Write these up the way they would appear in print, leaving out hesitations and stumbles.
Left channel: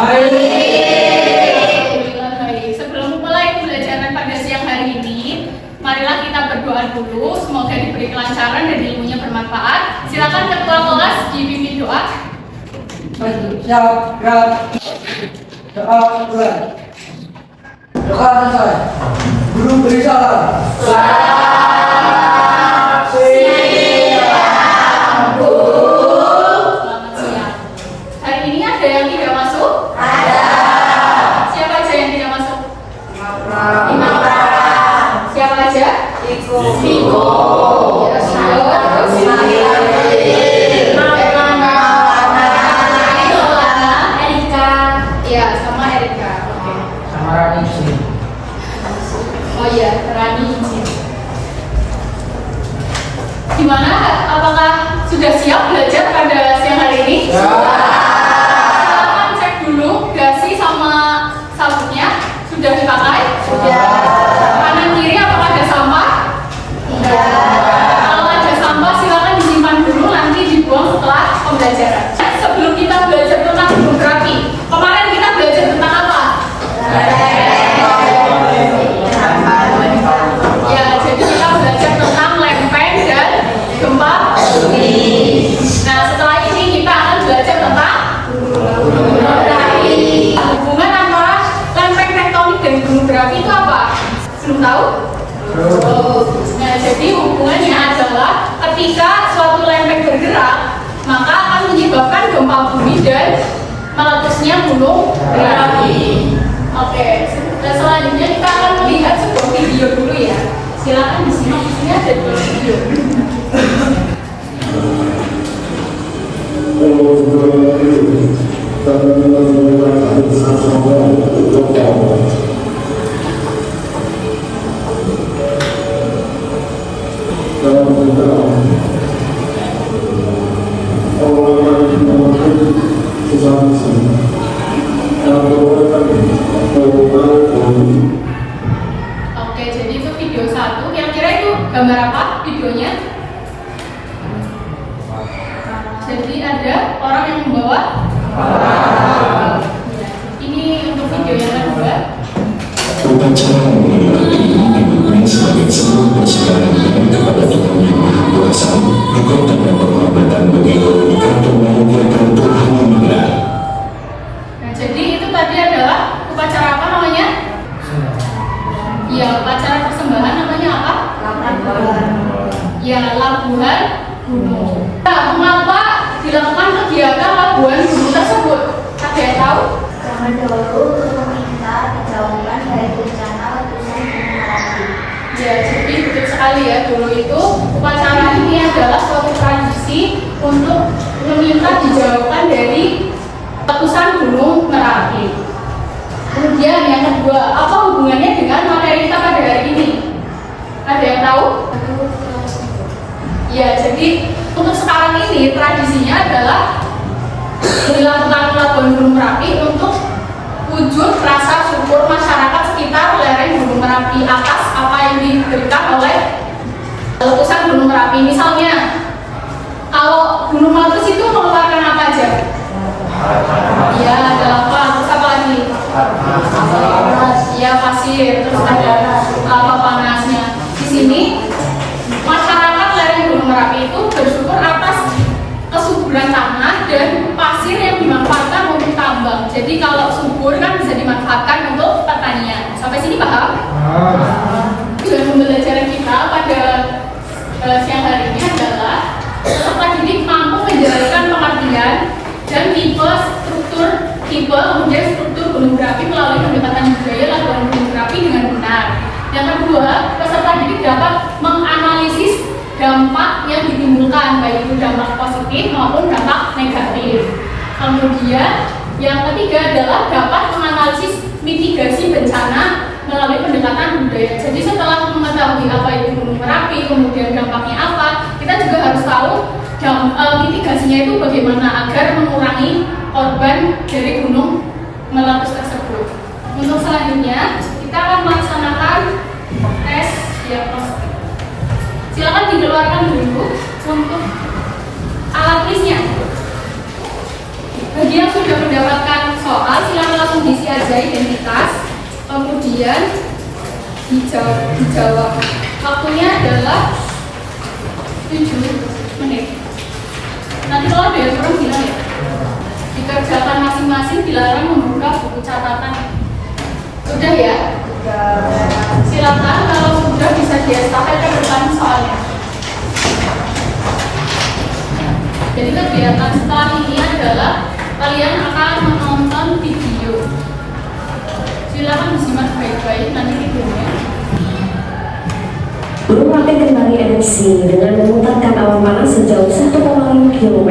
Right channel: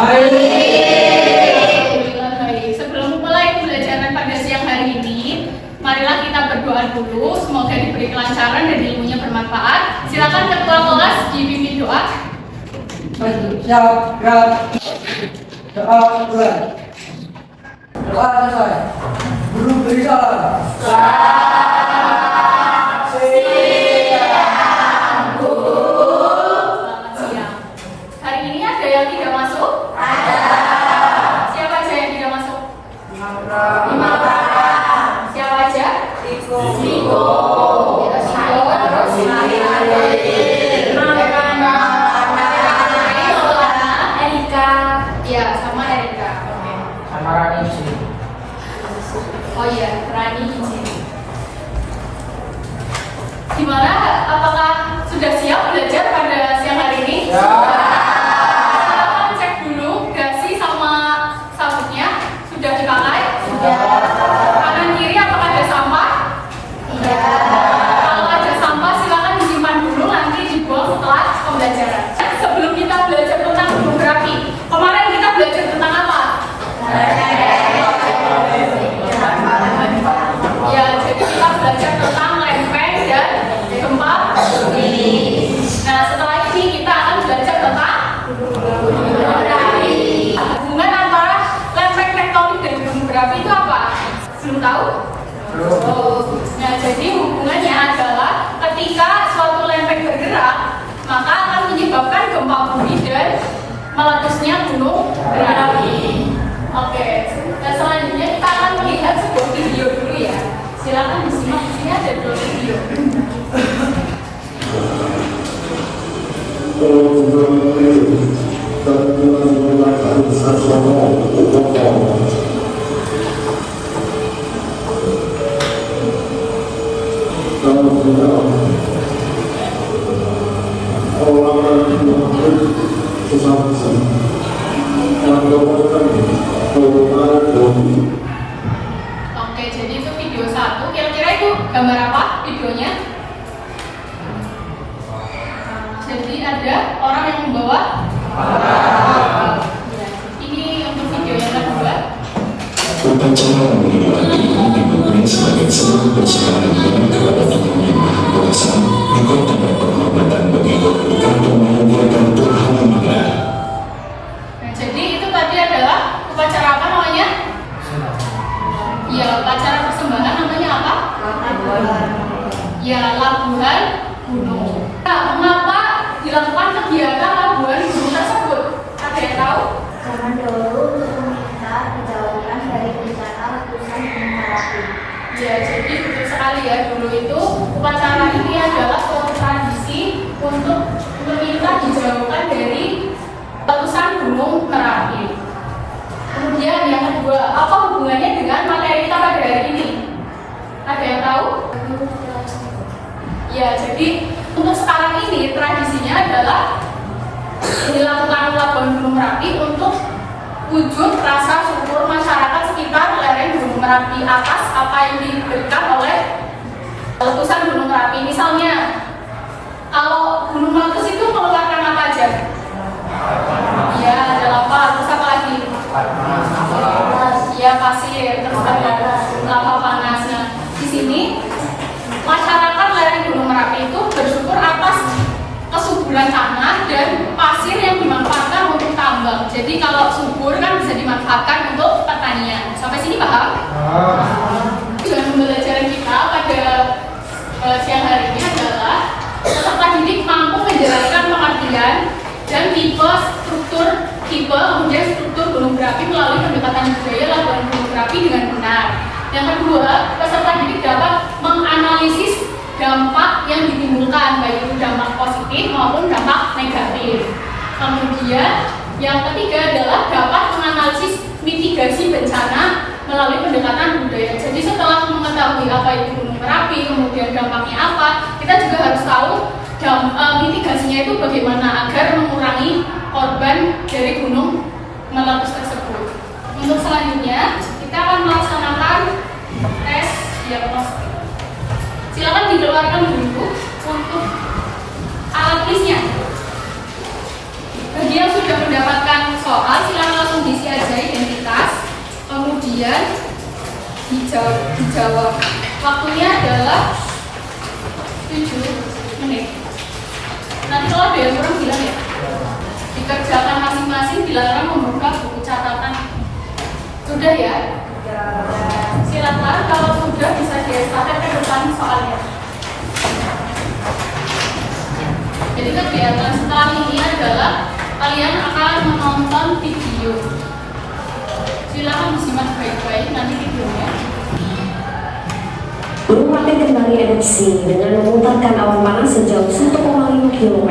Alhamdulillah baik. Sebelum mulai pembelajaran pada siang hari ini, marilah kita berdoa dulu. Semoga diberi kelancaran dan ilmunya bermanfaat. Silakan ketua kelas dipimpin doa. Siap, gerak. Doa mulai. Doa selesai. Guru beri salam. Selamat siang. Hari ini ada yang tidak masuk? Ada. Siapa aja yang tidak masuk? Imam. Siapa aja? Viko. Oh iya, Rani izin. Gimana? Apakah sudah siap belajar pada siang hari ini? Ya. Silakan cek dulu dasi sama sabunnya sudah dipakai? Sudah. Kanan kiri apakah ada sampah? Sudah. Kalau ada sampah silakan disimpan dulu, nanti dibuang setelah pembelajaran. Sebelum kita belajar tentang gunung berapi, kemarin kita belajar tentang apa? Nah, setelah ini kita akan belajar tentang gunung berapi. Hubungan antara lempeng tektonik dan gunung berapi itu apa? Belum tahu? Nah, jadi hubungannya adalah ketika suatu lempeng bergerak, maka akan menyebabkan gempa bumi dan meletusnya gunung berapi. Oke, selanjutnya kita akan melihat sebuah video dulu ya. Silakan disimak, di sini ada dua video. Oke, jadi itu video 1. Kira-kira itu gambar apa videonya? Jadi ada orang yang membawa ini untuk video yang kedua. Upacara mengenai ini dimaknai sebagai sebuah persembahan kepada Tuhan Yang Maha Kuasa, engkau dapat penghormatan bagi logika untuk memuliakan Tuhan yang benar. Nah, jadi itu tadi adalah upacara apa namanya? Ya, upacara persembahan namanya apa? Ya, labuhan gunung. Nah, mengapa dilakukan kegiatan labuhan gunung tersebut? Ada yang tahu? Zaman dahulu untuk meminta dijauhkan dari bencana letusan gunung Merapi. Ya, jadi betul sekali ya. Dulu itu upacara ini adalah suatu tradisi untuk meminta dijauhkan dari letusan gunung Merapi. Kemudian yang kedua, apa hubungannya dengan materi kita pada hari ini? Ada yang tahu? Ya, jadi untuk sekarang ini tradisinya adalah dilakukan labuhan gunung Merapi untuk wujud rasa syukur masyarakat sekitar lereng gunung Merapi atas apa yang diberikan oleh letusan gunung Merapi. Misalnya, kalau gunung meletus itu mengeluarkan apa aja? Ya, ada lava, terus apa lagi? Ya, pasir, terus ada lava panasnya. Di sini masyarakat lereng gunung Merapi itu bersyukur atas kesuburan tanah dan pasir yang dimanfaatkan untuk tambang. Jadi kalau subur kan bisa dimanfaatkan untuk pertanian. Sampai sini paham? Tujuan pembelajaran kita pada siang hari ini adalah peserta didik mampu menjelaskan pengertian dan tipe kemudian struktur gunung berapi melalui pendekatan budaya labuhan gunung berapi dengan benar. Yang kedua, peserta didik dapat menganalisis dampak yang ditimbulkan, baik itu dampak positif maupun dampak negatif. Kemudian yang ketiga adalah dapat menganalisis mitigasi bencana melalui pendekatan budaya. Jadi setelah mengetahui apa itu gunung berapi, kemudian dampaknya apa, kita juga harus tahu mitigasinya itu bagaimana agar mengurangi korban dari gunung meletus tersebut. Untuk selanjutnya kita akan melaksanakan tes diagnostik. Silakan dikeluarkan dulu untuk alat tulisnya. Bagi yang sudah mendapatkan soal, silakan menjaga identitas, kemudian dijawab. Waktunya adalah 7 menit. Nanti kalau ada yang kurang bilang ya. Dikerjakan masing-masing, dilarang membuka buku catatan. Sudah ya? Silakan kalau sudah bisa diestafet ke depan soalnya. Jadi kegiatan setelah ini adalah kalian akan menonton video. Silakan disimak baik-baik nanti videonya. Gunung Merapi kembali erupsi dengan memutarkan awan panas sejauh 1,5 km.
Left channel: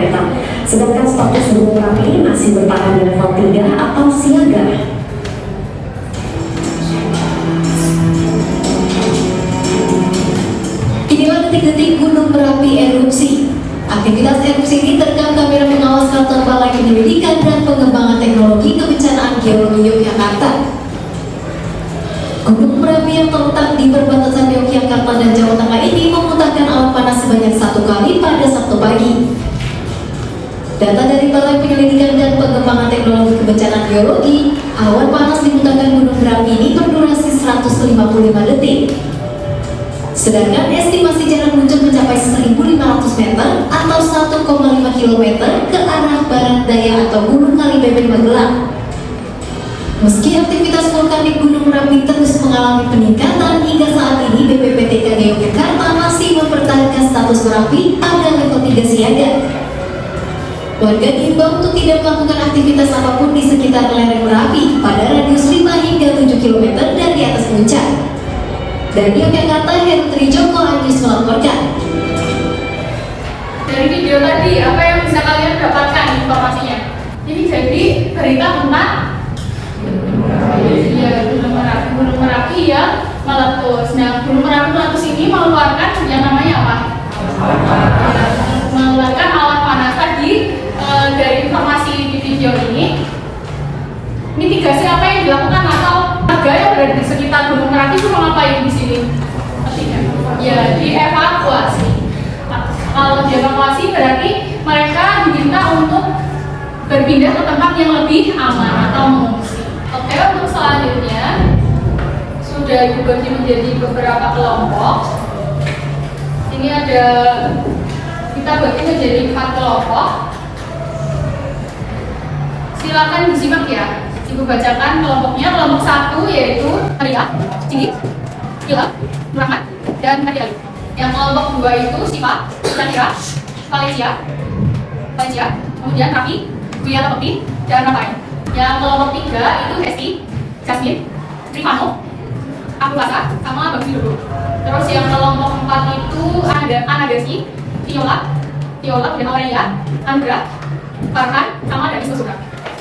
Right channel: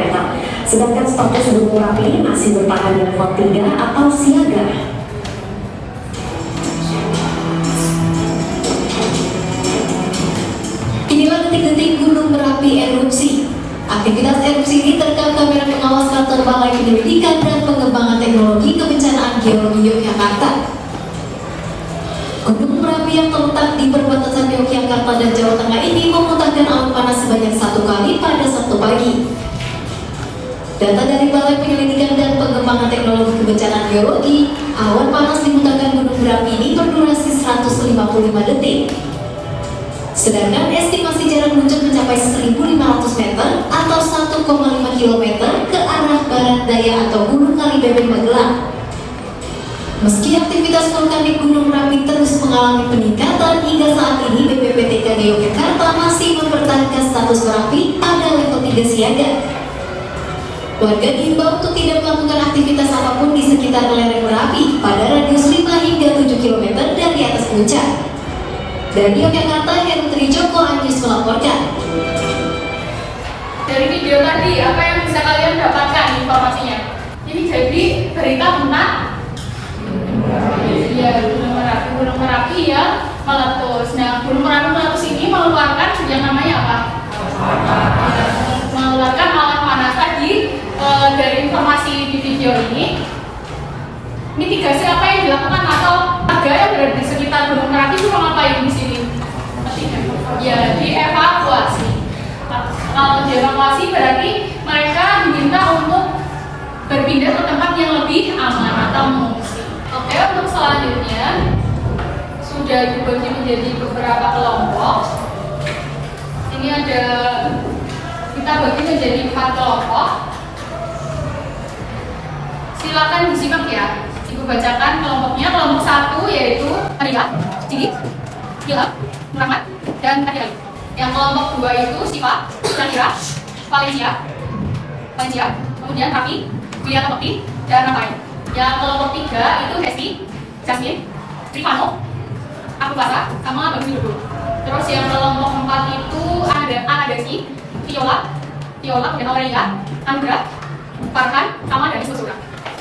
Sedangkan status Gunung Merapi masih bertahan di level 3 atau siaga. Inilah detik-detik Gunung Merapi erupsi. Aktivitas erupsi ini terekam kamera pengawas kantor Balai Penyelidikan dan Pengembangan Teknologi Kebencanaan Geologi Yogyakarta. Gunung Merapi yang terletak di perbatasan Yogyakarta dan Jawa Tengah ini memuntahkan awan panas sebanyak 1 kali pada Sabtu pagi. Data dari Balai Penyelidikan dan Pengembangan Teknologi Kebencanaan Geologi, awan panas dimuntahkan Gunung Merapi ini berdurasi 155 detik. Sedangkan estimasi jarak muncul mencapai 1.500 meter atau 1,5 km ke arah barat daya atau Gunung Kalibeben Magelang. Meski aktivitas vulkanik Gunung Merapi terus mengalami peningkatan, hingga saat ini BPPTKG Yogyakarta masih mempertahankan status Merapi pada level 3 siaga. Warga diimbau untuk tidak melakukan aktivitas apapun di sekitar lereng Merapi pada radius 5 hingga 7 km dari atas puncak. Dari Yogyakarta, Heru Trijoko Anjus melaporkan. Dari video tadi, apa yang bisa kalian dapatkan informasinya? Ini jadi berita tentang Gunung Merapi ya meletus. Nah, Gunung Merapi meletus ini mengeluarkan yang namanya apa? Mengeluarkan awan panas tadi. Dari informasi di video ini, mitigasi apa yang dilakukan atau warga yang berada di sekitar Gunung Merapi itu mau ngapain di sini? Ya, dievakuasi. Kalau dievakuasi berarti mereka diminta untuk berpindah ke tempat yang lebih aman atau mengungsi. Oke, untuk selanjutnya sudah dibagi menjadi beberapa kelompok. Ini ada, kita bagi menjadi 4 kelompok. Silakan disimak ya. Ibu bacakan kelompoknya. Kelompok 1 yaitu Maria, Cili, Hilal, Nurahmat, dan Nadia. Yang kelompok 2 itu Siva, Syakira, Valencia, kemudian Rafi, Wia Lepeti, dan Rafael. Yang kelompok 3 itu Hesti, Jasmine, Rifano, Akuasa, sama Bang Silogo. Terus yang kelompok 4 itu ada Anadasi, Viola, kemudian Aurelia, Andra, Farhan, sama Danis Kesura.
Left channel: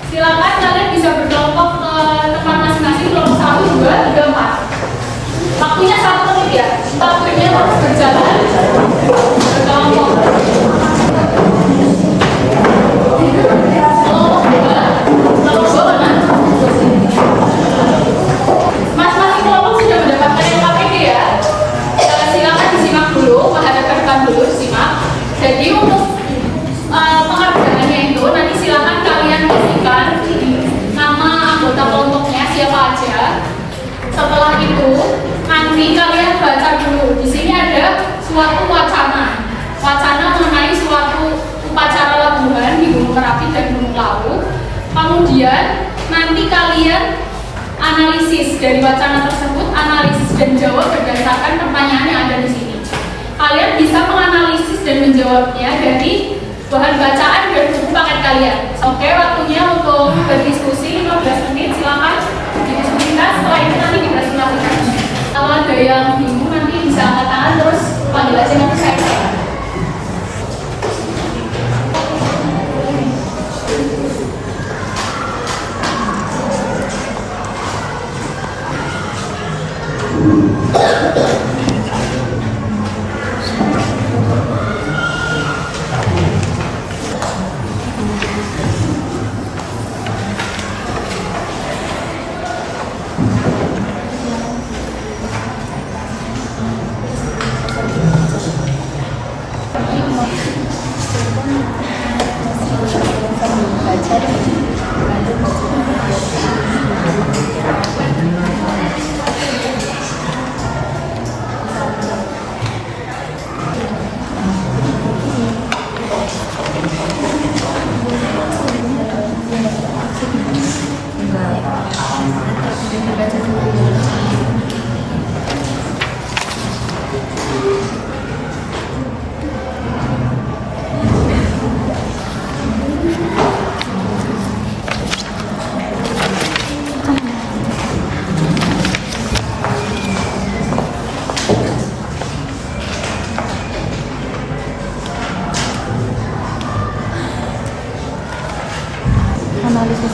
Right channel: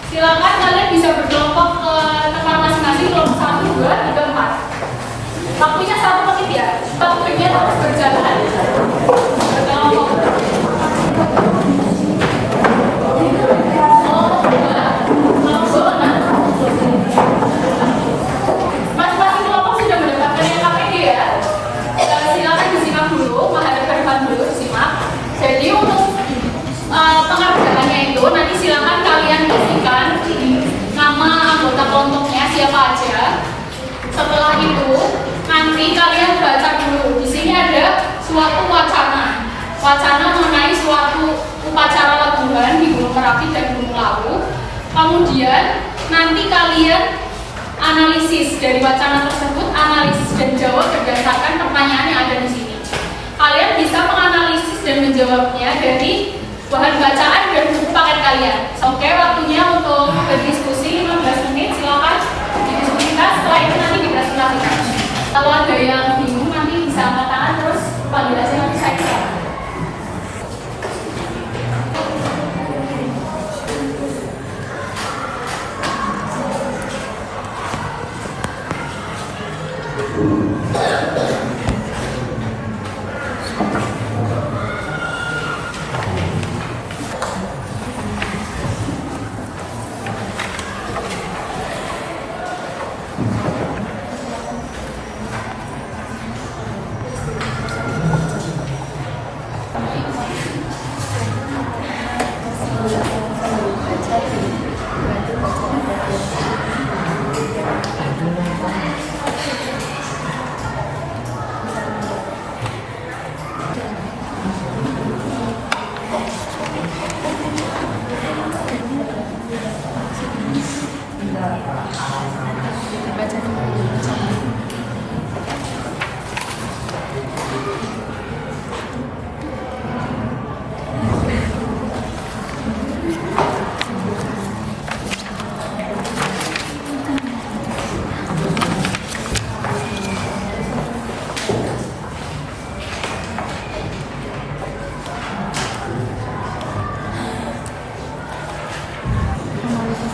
Silakan kalian bisa berkelompok ke tempat masing-masing, kelompok 1, 2, 3, 4. Waktunya 1 menit ya. Waktunya terus berjalan. Berkelompok. Kelompok 2 mana? Masing-masing kelompok sudah mendapatkan KPD ya. Silakan disimak dulu, menghadap ke depan dulu, disimak. Jadi untuk pengerjaannya itu nanti silakan kalian isikan nama anggota kelompoknya siapa aja. Setelah itu nanti kalian baca dulu. Di sini ada suatu wacana mengenai suatu upacara lebuhan di Gunung Merapi dan Gunung Lawu. Kemudian nanti kalian analisis dari wacana tersebut, analisis dan jawab berdasarkan pertanyaan yang ada di sini. Kalian bisa menganalisis dan menjawabnya dari bahan bacaan dan buku paket kalian. Oke, waktunya untuk berdiskusi 15 menit. Silakan didiskusikan. Setelah itu nanti dipresentasikan. Kalau ada yang bingung nanti bisa angkat tangan terus panggil aja nanti saya.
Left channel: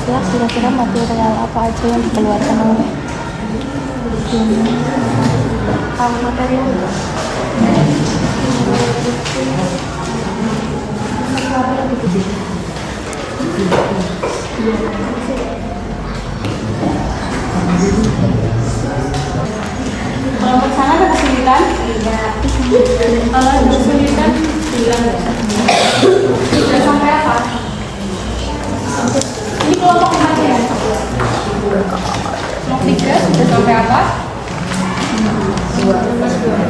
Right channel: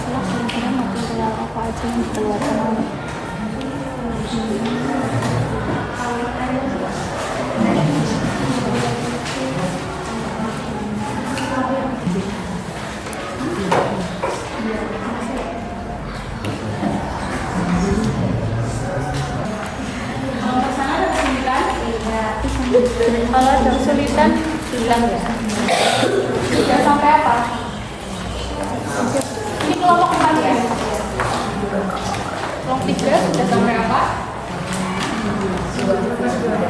ya, kira-kira material apa aja yang dikeluarkan oleh material Kelompok sana ada kesulitan? Tidak. Kalau ada kesulitan, bilang ya. Sudah sampai apa? Ini kelompok 4 ya? Kelompok 3 sudah sampai apa? Kelompok 4 sudah?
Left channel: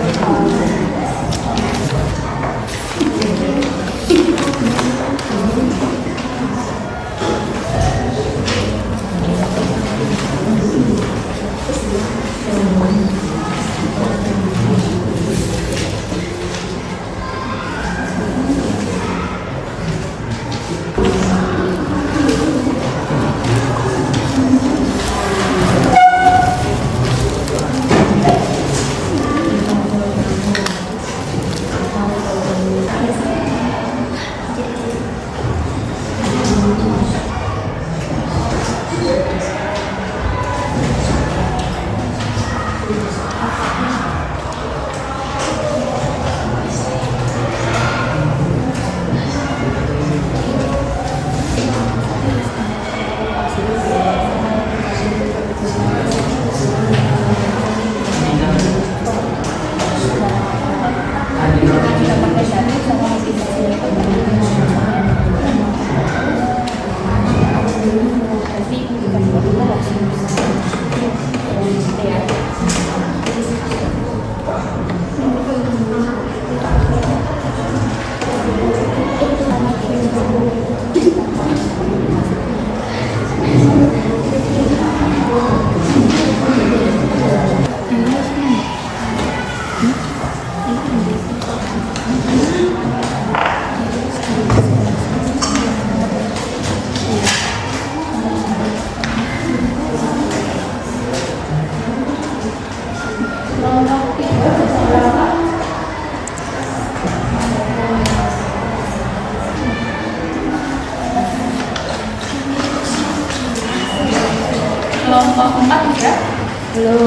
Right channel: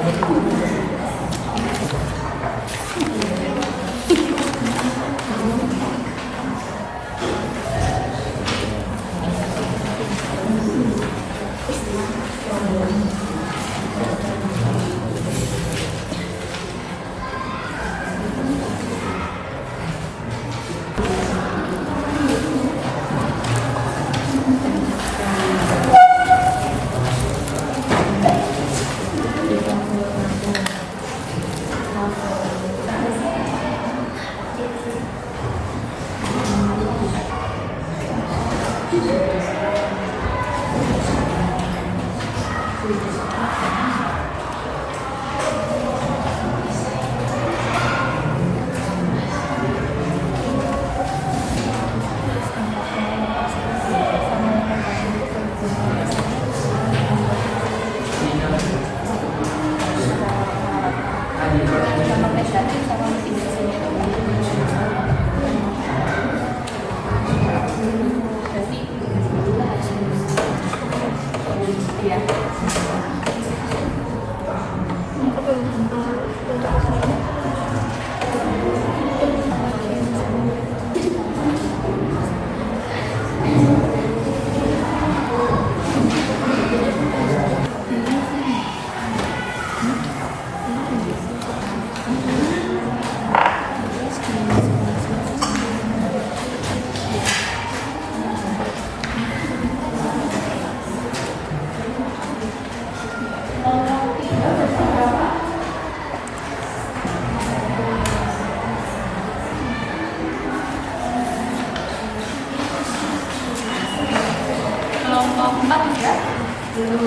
belum.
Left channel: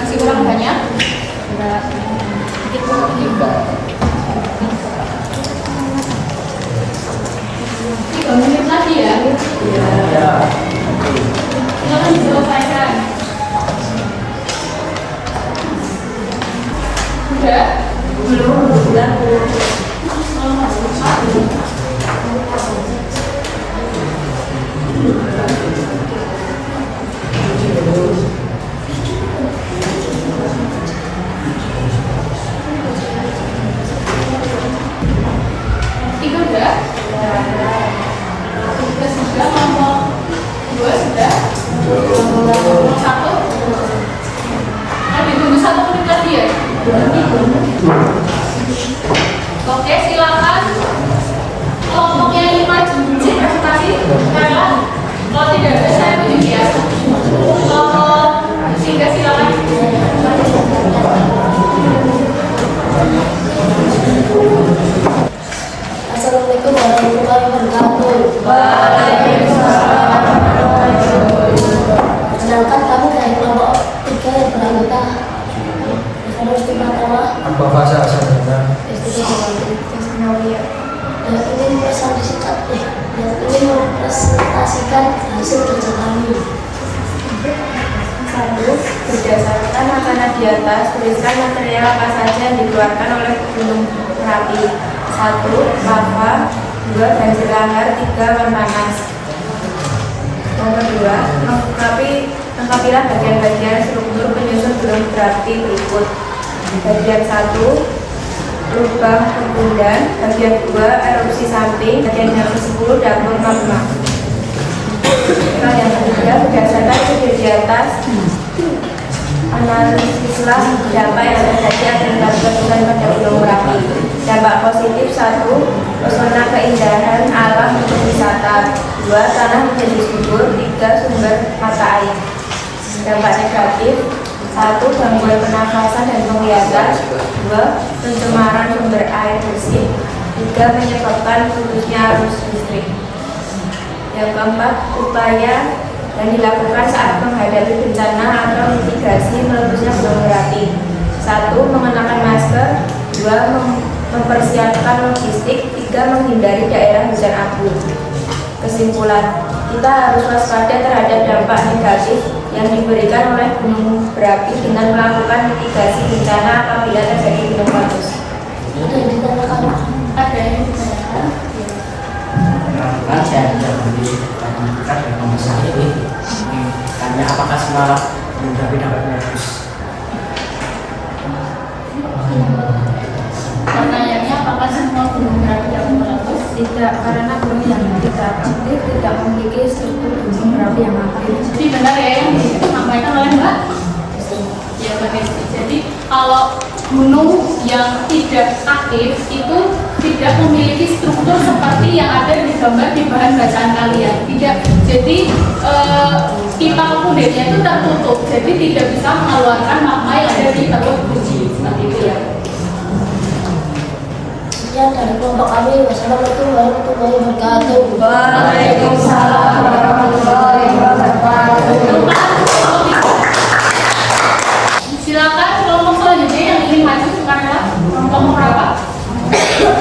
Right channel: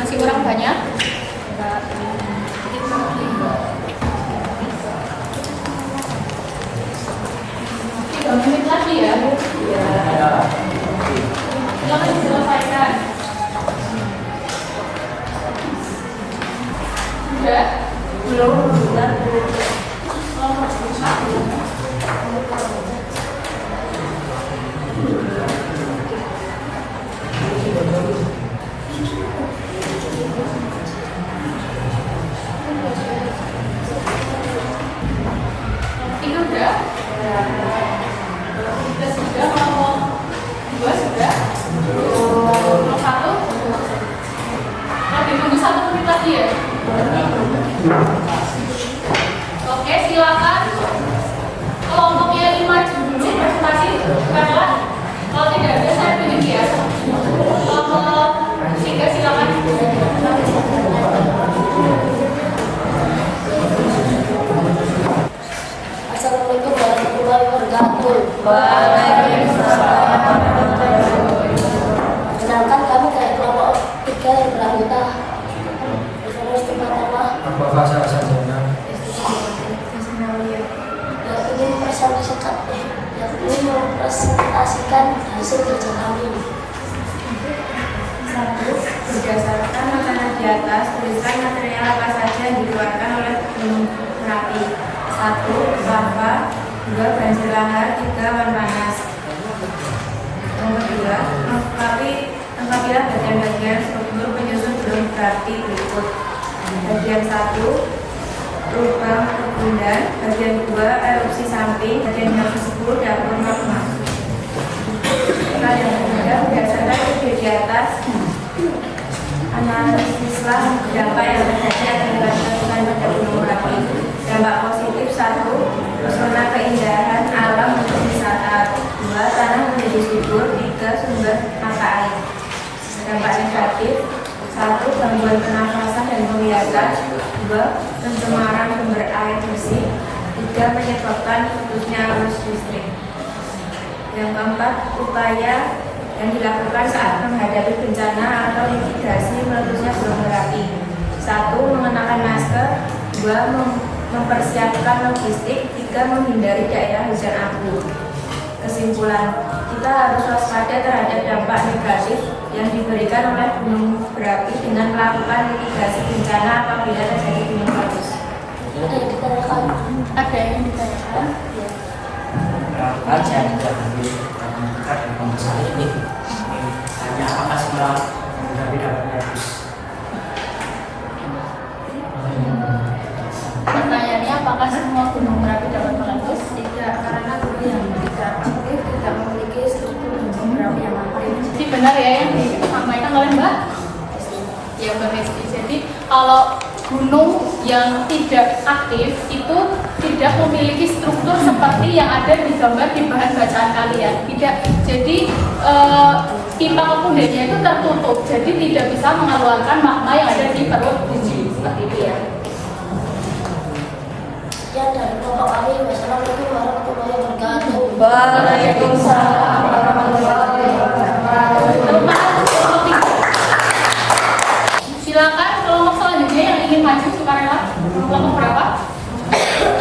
Masih kurang banyak? Enggak. Sedikit lagi. 3 menit lagi ya? Ya. Silakan diselesaikan. Sudah? Belum, udah. Kelompok 4. Tiga sudah? Tiga sudah, kelompok 2 sudah? Kelompok 1? Nah, ditunggu 1 menit lagi ya? Oke, silakan. Kelompoknya 5 jujur presentasi. Karena kalau tidak ada, saya tunjuk ya. Kelompok 3 silakan. Assalamualaikum warahmatullahi wabarakatuh. Kenalkan, kami dari kelompok 3 yang beranggota Universitas pertama Apa fase asal dengan yang ingin mempresentasikan hasil kerja kami. 1. Berdasarkan makanan di atas, tuliskan material apa saja yang dikeluarkan oleh Gunung Merapi. 1. Lava. 2. Banjir lahar. 3. Awan panas. Nomor 2. Lengkapilah bagian-bagian struktur penyusun gunung berapi berikut. Bagian 1. Lubang perbulan. Bagian 2. Erupsi samping. Bagian yang ke-10. Dapur magma. Pertanyaan ketiga, berdasarkan video di atas, analisislah dampak yang terjadi akibat letusan pada Gunung Merapi. Dampak positif 1. Pesona keindahan alam untuk wisata. 2. Tanah menjadi subur. 3. Sumber mata air. Dampak negatif 1. Gangguan pernafasan dan penglihatan. 2. Pencemaran sumber air bersih. 3. Menyebabkan putusnya arus listrik. Yang keempat, upaya yang dilakukan saat menghadapi bencana atau mitigasi meletusnya Gunung Merapi. 1. Mengenakan masker. 2. Mempersiapkan logistik. 3. Menghindari daerah hujan abu. Kesimpulan, kita harus waspada terhadap dampak negatif yang diberikan oleh gunung berapi dengan melakukan mitigasi bencana apabila terjadi gunung meletus. Ada yang ditanyakan? Ada yang ditanyakan? Kebetulan saya menjabat di dekat dari pembahasan ini. Tanya apakah semua gunung berapi dapat meletus? Pertanyaannya, apakah semua gunung berapi dapat meletus? Tidak, karena gunung yang tidak aktif tidak memiliki struktur gunung berapi yang aktif. Jadi benar ya yang disampaikan oleh Mbak? Ya benar. Jadi kalau gunung yang tidak aktif itu tidak memiliki struktur seperti yang ada di gambar di bahan bacaan kalian. Tidak. Jadi pipa kundirnya itu tertutup, jadi tidak bisa mengeluarkan magma yang ada di perut biji seperti itu ya. Ya, dari kelompok kami. Wassalamualaikum warahmatullahi wabarakatuh. Waalaikumsalam warahmatullahi wabarakatuh. Silakan kelompok selanjutnya yang ingin maju sukarela. Kelompok berapa?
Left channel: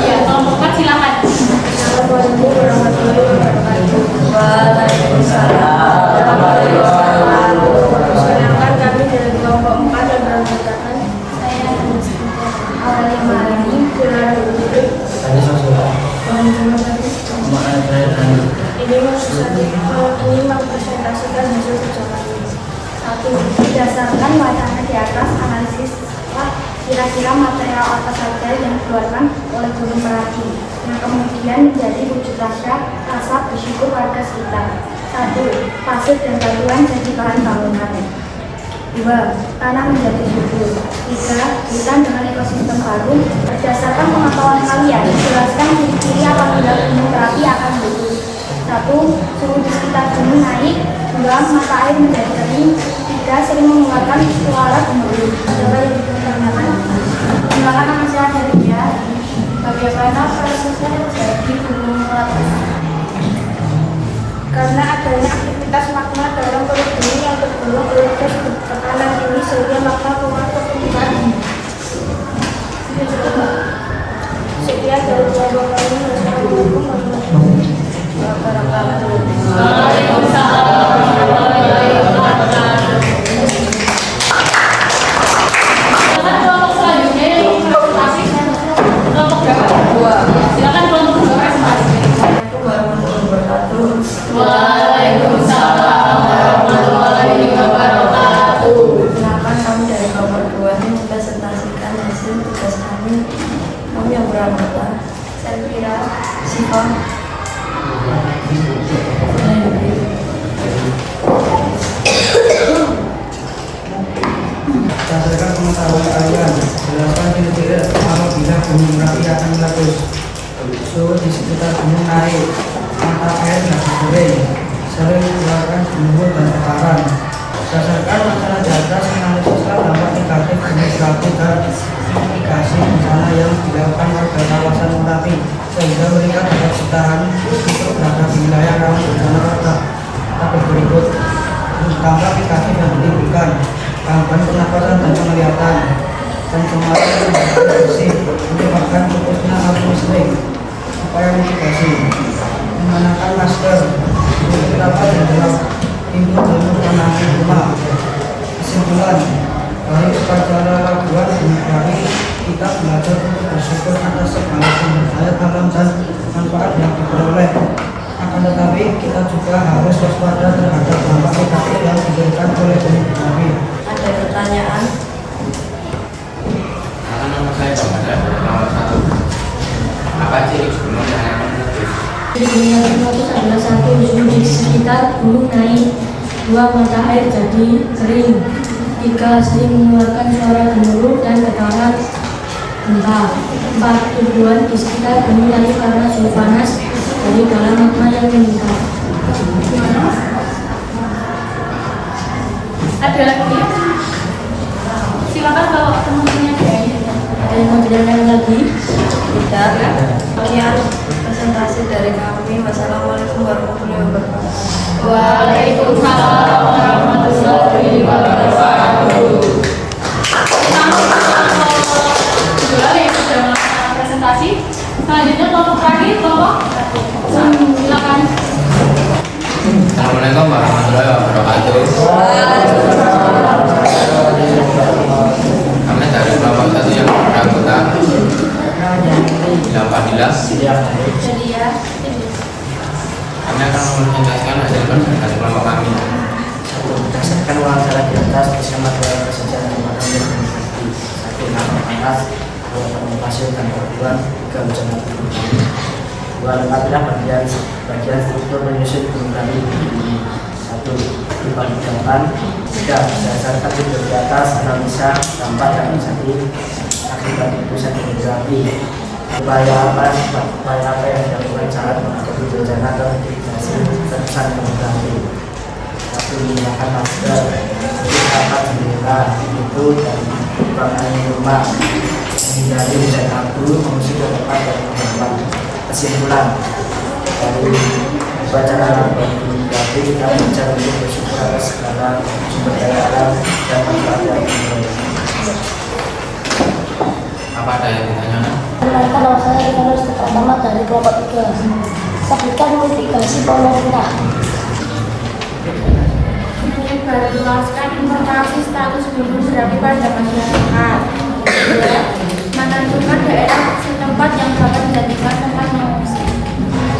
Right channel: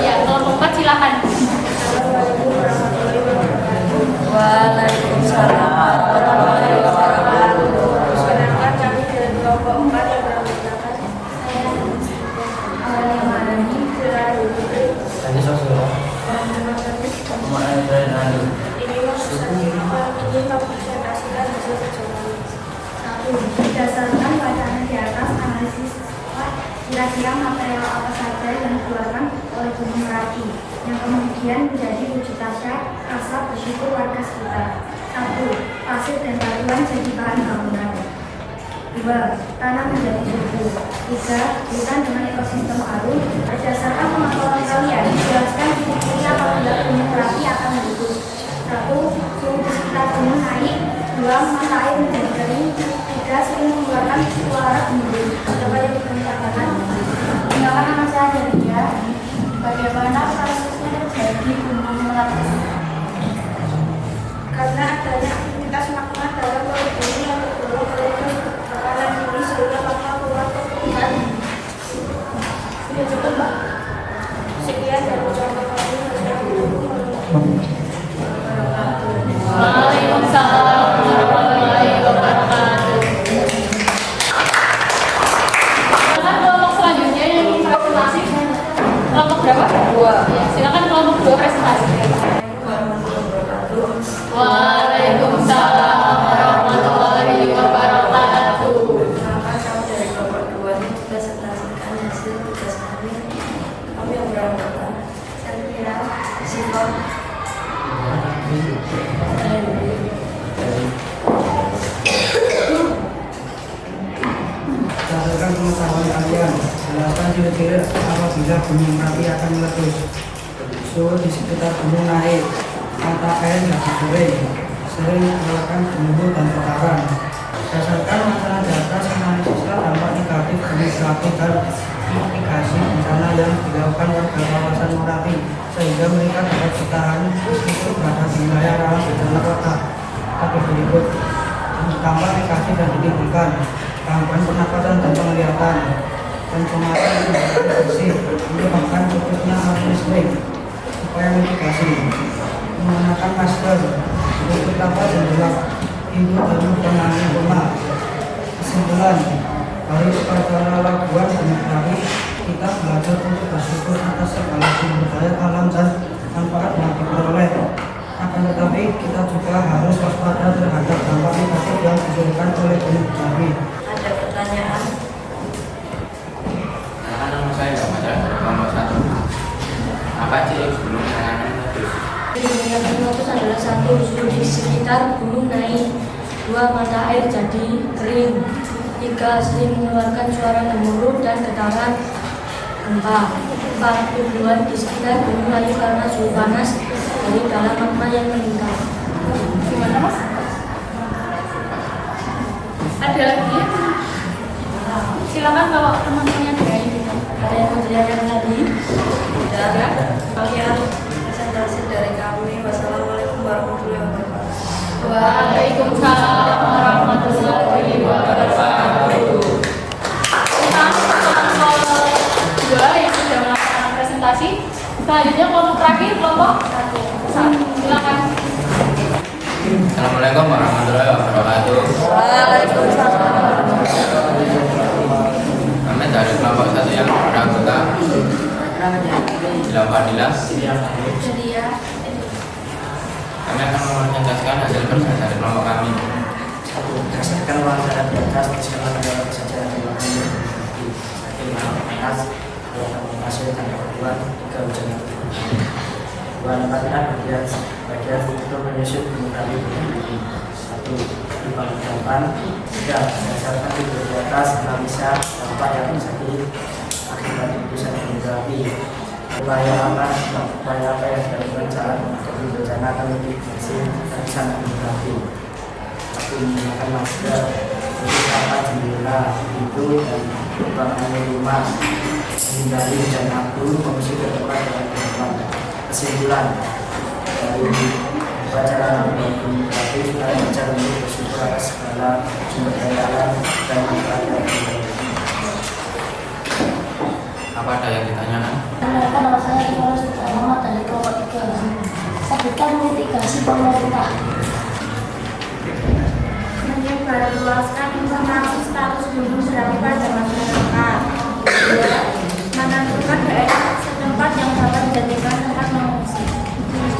Ya, kelompok 4 silakan. Assalamualaikum warahmatullahi wabarakatuh. Waalaikumsalam warahmatullahi wabarakatuh. Perkenalkan, kami dari kelompok 4 yang beranggotakan awal Yamani, Gelar Hidupik, Tadi sosial. teman-teman tadi. Ini mempresentasikan hasil kerja kami. 1. Berdasarkan wacana di atas, analisis kira-kira material apa saja yang dikeluarkan oleh Gunung Merapi yang kemudian menjadi wujud rasa bersyukur warga sekitar. 1. Pasir dan batuan jadi bahan bangunan. 2. Tanah menjadi subur. 3. Hutan dengan ekosistem baru. Berdasarkan pengetahuan kalian, jelaskan ciri-ciri apabila Gunung Merapi akan meletus. 1. Suhu di sekitar gunung naik. 2. Mata air menjadi kering. 3. Sering mengeluarkan suara gemuruh. Coba yang ditanyakan. Gunakan nama saya dari dia. Bagaimana prosesnya terjadi gunung meletus? Karena adanya aktivitas magma dalam perut bumi yang terdorong oleh gas bertekanan tinggi sehingga magma keluar ke permukaan. Sekian dari kelompok kami. Wassalamualaikum warahmatullahi wabarakatuh. Waalaikumsalam warahmatullahi wabarakatuh. Silakan kelompok selanjutnya yang ingin presentasi. Kelompok berapa? Silakan kelompok 2 presentasi. Assalamualaikum warahmatullahi wabarakatuh. Waalaikumsalam warahmatullahi wabarakatuh. Kenalkan, kami dari kelompok 2 ini mempresentasikan hasil tugas kami. Kami yang beranggota Selvira, Siva, Berdasarkan pengetahuan kalian, jelaskan ciri-ciri apabila Gunung Merapi akan meletus. Suhu di sekitar gunung naik, mata air jadi kering, sering mengeluarkan gemuruh dan getaran. Berdasarkan masalah di atas, analisislah dampak negatif gunung berapi dan mitigasi bencana yang dilakukan warga kawasan Merapi sehingga mereka dapat bertahan meskipun berada di wilayah rawan bencana pada tahap berikut. Dampak negatif yang ditimbulkan: gangguan pernapasan dan penglihatan, pencemaran udara bersih, menyebabkan putusnya arus listrik. Upaya mitigasi: mengenakan masker, tutup rapat jendela, pintu dan lubang angin rumah. Kesimpulan, dari upacara laguan Gunung Merapi, kita belajar untuk bersyukur atas segala sumber daya alam dan manfaat yang diperoleh. Akan tetapi, kita juga harus waspada terhadap dampak negatif yang diberikan oleh Gunung Merapi. ada pertanyaan? Nama saya nomor 1. Apa ciri gunung yang akan meletus? Gunung yang meletus adalah 1. Suhu di sekitar gunung naik. 2. Mata air jadi kering. 3. Sering mengeluarkan suara gemuruh dan getaran gempa. 4. Tubuhan di sekitar gunung layu karena suhu panas dari dalam magma yang meningkat. Gimana Mas? Ada lagi? Silakan kalau teman-temannya ada yang punya. Ada yang mau ditanyakan lagi? Tidak. Sekian presentasi dari kami. Wassalamualaikum warahmatullahi warahmatullahi wabarakatuh. Waalaikumsalam warahmatullahi wabarakatuh. Alhamdulillah yang sudah melakukan presentasi. Selanjutnya kelompok terakhir, kelompok silakan. Assalamualaikum warahmatullahi wabarakatuh. Kami dari kelompok 1 yang beranggota Ila Fadilah. Kami akan mempresentasikan hasil kerja dari kelompok kami. Berdasarkan wawancara di atas, tuliskan material apa saja yang menggunakan teknologi. 1. Nama panas, 2. Tabung pasir dan kebutuhan, 3. Hujan abu. 2. Lengkapilah bagian struktur menyusun gunung kami berdiri. 1. Dibagi 8. 3. Berdasarkan video di atas, analisa dampak yang terjadi akibat letusan gunung berapi. Upaya apa yang dilakukan saat menghadapi bencana atau mitigasi letusan gunung berapi. 1. Menggunakan masker, untuk rapat jendela, pintu dan ruangan rumah, menghindari hujan abu, mengungsi ke tempat yang aman. Kesimpulan dari upacara labuan gunung berapi, kita belajar untuk bersyukur atas segala sumber daya alam dan manfaat yang dimiliki. Apa ada yang ditanyakan? Kenalkan nama saya Rinaldo Pratama dari kelompok 3. Sebutkan mitigasi pemerintah. Menyebarluaskan informasi status gunung berapi pada masyarakat. 2. Menentukan daerah setempat yang dapat dijadikan tempat mengungsi.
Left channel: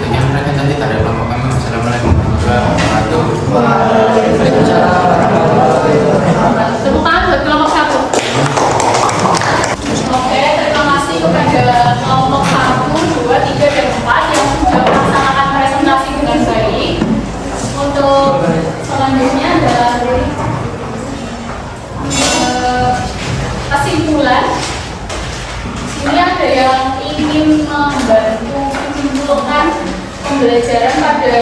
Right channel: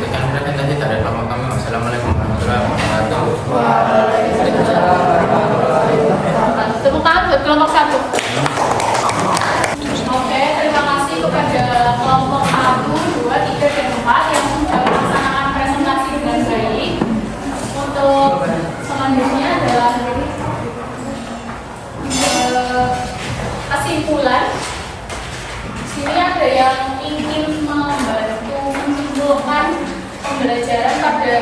Sekian presentasi dari kelompok kami. Wassalamualaikum warahmatullahi wabarakatuh. Waalaikumsalam warahmatullahi wabarakatuh. Tepuk tangan buat kelompok 1. Oke, terima kasih kepada kelompok 1, 2, 3, dan 4 yang sudah melaksanakan presentasi dengan baik. Untuk selanjutnya adalah kesimpulan. Sini ada yang ingin membantu menyimpulkan pembelajaran pada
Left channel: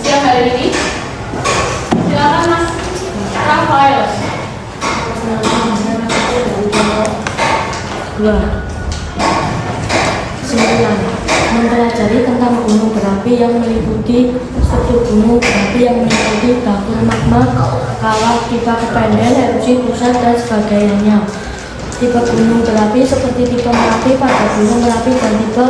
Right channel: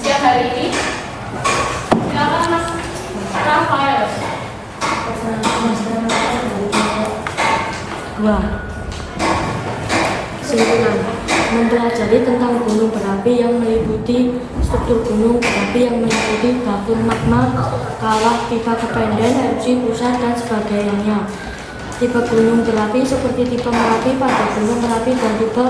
siang hari ini. Silakan Mas Rafael. 2. Kesimpulan, mempelajari tentang gunung berapi yang meliputi struktur gunung berapi yang meliputi dapur magma, kawah, pipa kependen, erupsi pusat, dan sebagainya. Tipe gunung berapi seperti tipe Merapi pada gunung Merapi dan tipe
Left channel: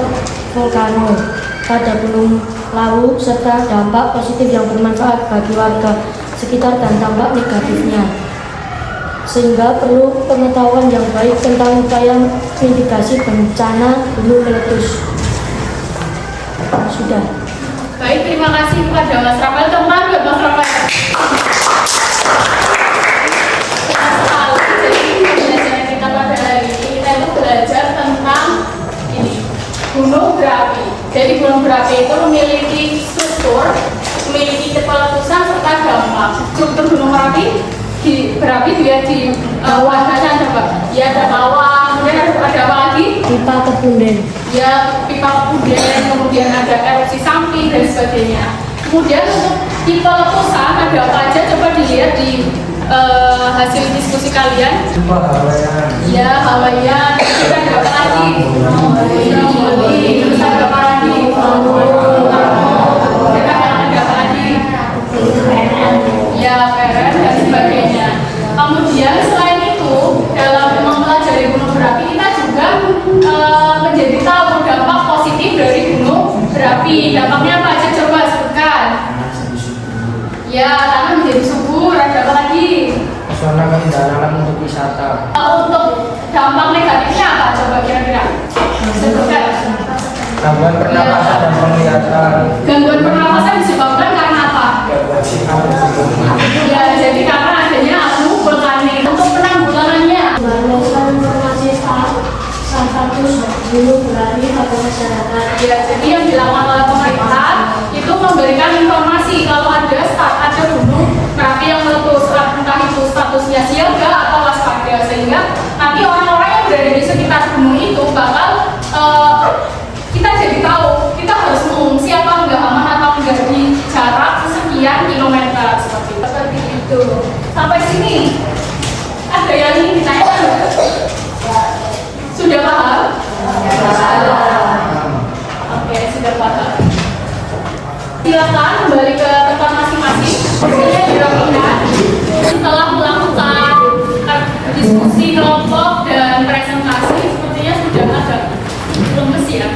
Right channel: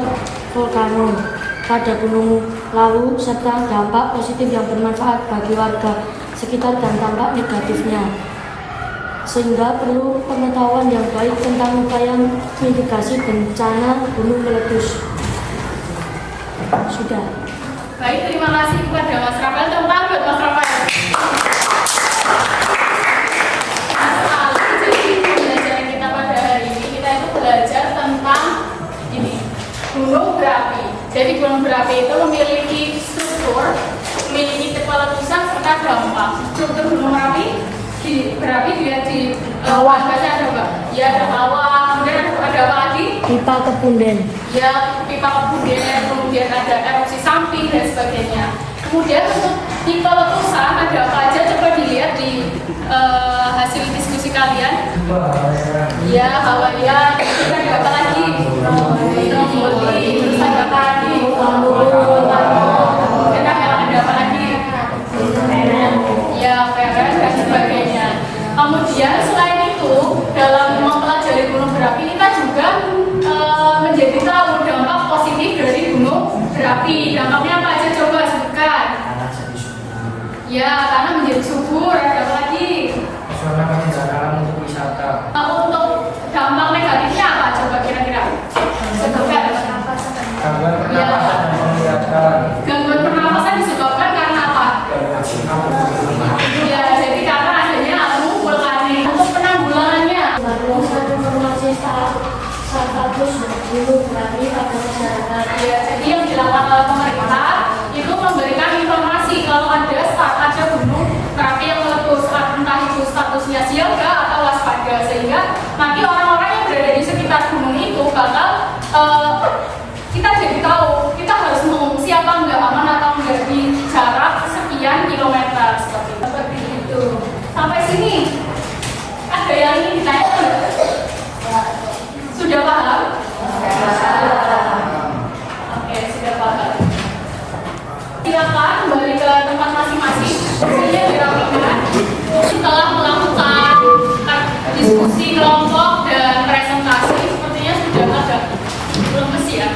volcano pada gunung Lawu, serta dampak positif yang bermanfaat bagi warga sekitar dan dampak negatifnya. Sehingga perlu pengetahuan yang baik tentang upaya mitigasi bencana gunung meletus. Sudah. Baik, terima kasih kepada Mas Rafael. Teman buat Mas Rafael. Jadi pembelajaran kita pada hari ini kita itu belajar tentang ini gunung berapi. Jadi gunung berapi itu memiliki struktur, memiliki tipe letusan serta dampak. Struktur gunung berapi dia di wadahnya ada apa? Ya ada kawah, kemudian ada apa lagi? Pipa kepunden. Ya pipa kepunden, kemudian ada erupsi samping dan sebagainya. Kemudian untuk tipe letusan ada apa aja? Coba dilihat di hasil diskusi kalian. Ya Hawaiian, kita ada apa lagi? Stromboli, terus ada apa lagi? Ada apa lagi? Ya Peren dan sebagainya. Kemudian selain itu dalam mempelajari gunung berapi kita juga menjadi tahu dampak positif dari gunung berapi. Dampaknya apa aja coba sebutkan? Ya, karena menjadi subur. Ada apa lagi? Pesona keindahan untuk wisata. Untuk dampak negatifnya apa? Coba kira-kira sebutkan. Gangguan pernapasan dan penglihatan. Gangguan pernapasan disebabkan karena apa? Ya, jadi karena adanya abu vulkanik. Untuk penanggulangannya, Berdasarkan informasi status gunung berapi pada masyarakat. ya jadi yang dilakukan oleh pemerintah itu memberikan informasi kalau ada gunung berapi yang meletus, entah itu statusnya siaga atau waspada, sehingga nanti orang-orang yang berada di sekitar gunung itu bakal kita jadi tahu kita harus mengungsi apa enggak, aman atau enggak di jarak sekian kilometer seperti itu. Sampai sini ada yang ingin ditanyakan? Sudah paham? Oke, sudah paham. Silakan. kembali ke tempat masing-masing. Semuanya dirapikan. Setelah melakukan diskusi kelompok dan presentasi, sepertinya sudah agak lemes ya.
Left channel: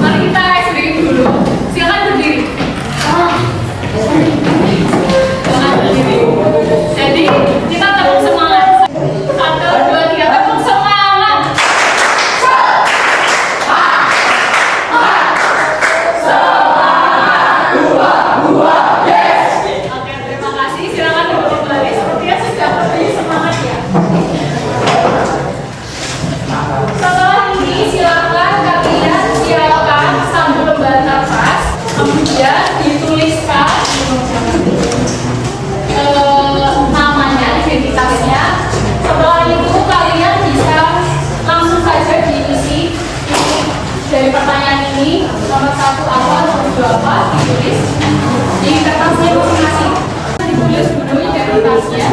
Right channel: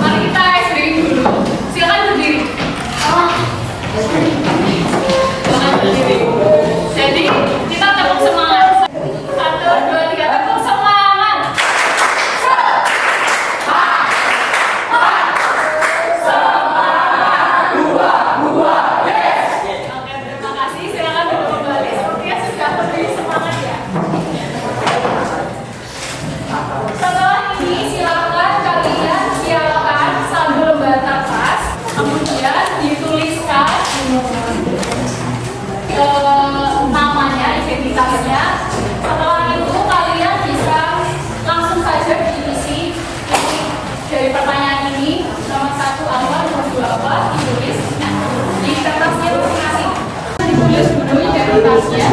Mari kita SBY dulu. Silakan berdiri. Silakan berdiri. Jadi kita tepuk semangat. 1, 2, 3, tepuk semangat. Oke, terima kasih. Silakan duduk kembali. Sepertinya sudah lebih semangat ya. Setelah ini silakan kalian siapkan sambil lembar kertas, kemudian dituliskan namanya, identitasnya. Setelah itu kalian bisa langsung saja diisi dari pertanyaan ini, nomor 1 apa, nomor 2 apa, ditulis di kertasnya masing-masing. Ditulis dulu identitasnya.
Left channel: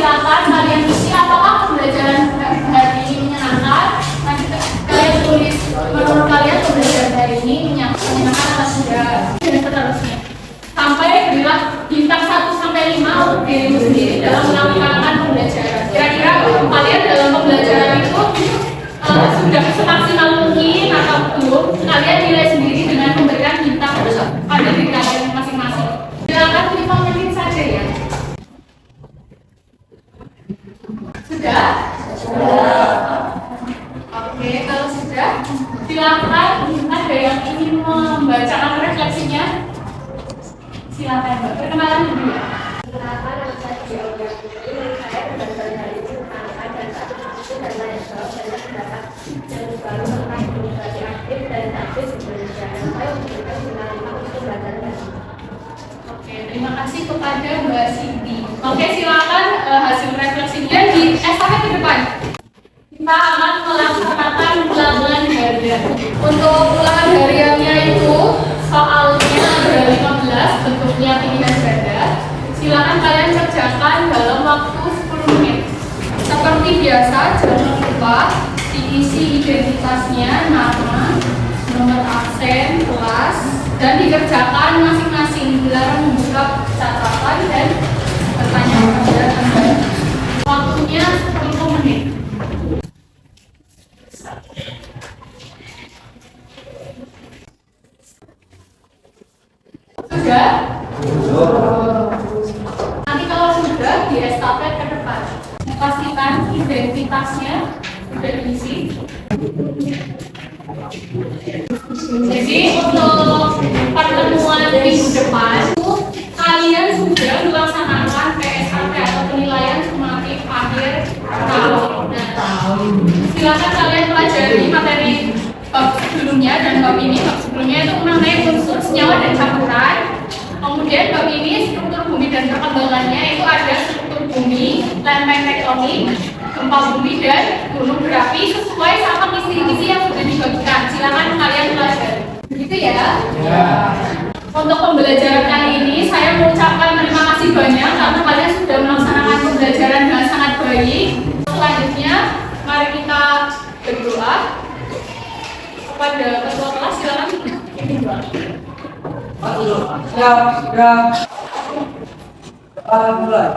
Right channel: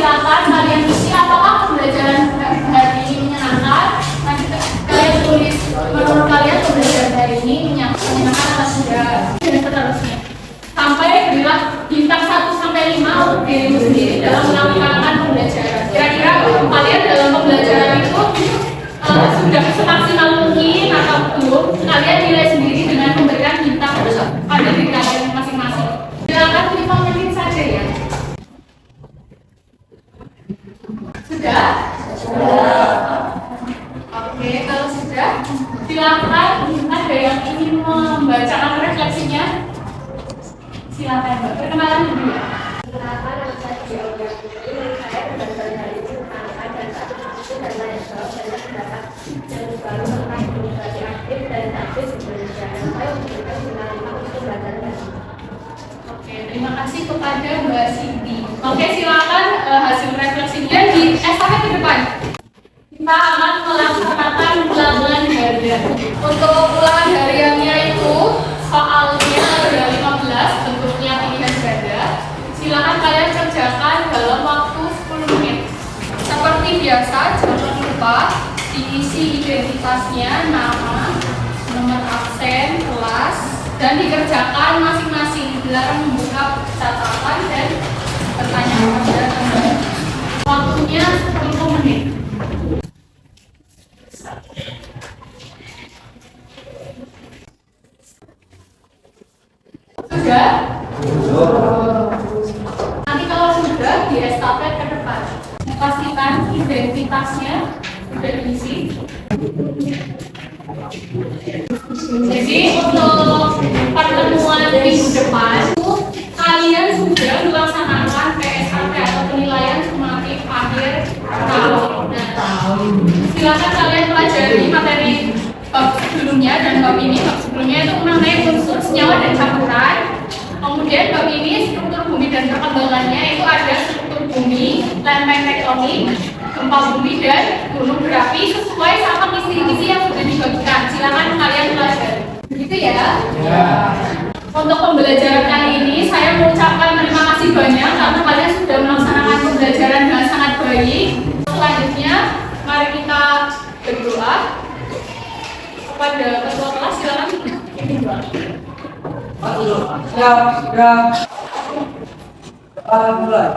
Silakan kalian isi apakah pembelajaran hari ini menyenangkan. Nanti kalian tulis menurut kalian pembelajaran hari ini menyenangkan atau tidak, dan seterusnya. Sampai berilah bintang 1 sampai 5 untuk dirimu sendiri dalam melakukan pembelajaran. Kira-kira kalian dalam pembelajaran itu sudah semaksimal mungkin atau belum? Kalian nilai sendiri dengan memberikan bintang pada diri kalian masing-masing. Silakan 5 menit saja ya. Sudah? Oke, kalau sudah, silakan ada yang ingin membacakan refleksinya. Silakan Mbak, perkenalan dulu ya. Kenapa nama saya Georgia? Menurut saya pembelajaran hari ini menyenangkan dan tak itu dan lain sebab banyak pendapat yang baru tentang demokrasi aktif dan aktif Indonesia. Dan saya memberikan bintang 5 untuk pembelajaran hari ini. Oke, terima kasih kepada Mbak Cindy. Oke, silakan hasil refleksinya di estafet ke depan. Kita akan melaksanakan ulangan harian. Untuk ulangan hariannya itu soalnya ada 15, bentuknya pilihan ganda. Silakan kalian kerjakan dalam waktu 10 menit. Seperti biasa, jangan lupa diisi identitasnya, nama, nomor absen, kelas, dan dikerjakan masing-masing. Dilarang membuka catatan dan bertanya kepada teman. Waktunya 10 menit. Sudah? Nanti kalau sudah, di estafet ke depan. Pastikan identitasnya sudah diisi. Jadi untuk pertemuan minggu depan, kalian sudah melaksanakan PSAT atau penilaian sumatif akhir tahun. Silakan kalian pelajari materi bab sebelumnya dan bab ini. Bab sebelumnya itu mengenai unsur senyawa dan campuran. Kemudian bab ini struktur bumi dan perkembangannya, itu ada struktur bumi, lempeng tektonik, gempa bumi dan gunung berapi sesuai sama kisi-kisi yang sudah dibagikan. Silakan kalian pelajari. Begitu ya? Ya. Untuk pembelajaran kali ini saya mengucapkan terima kasih banyak karena kalian sudah melaksanakan pembelajaran dengan sangat baik. Selanjutnya mari kita berdoa kepada ketua kelas. Silakan pimpin doa. Siap, mulai.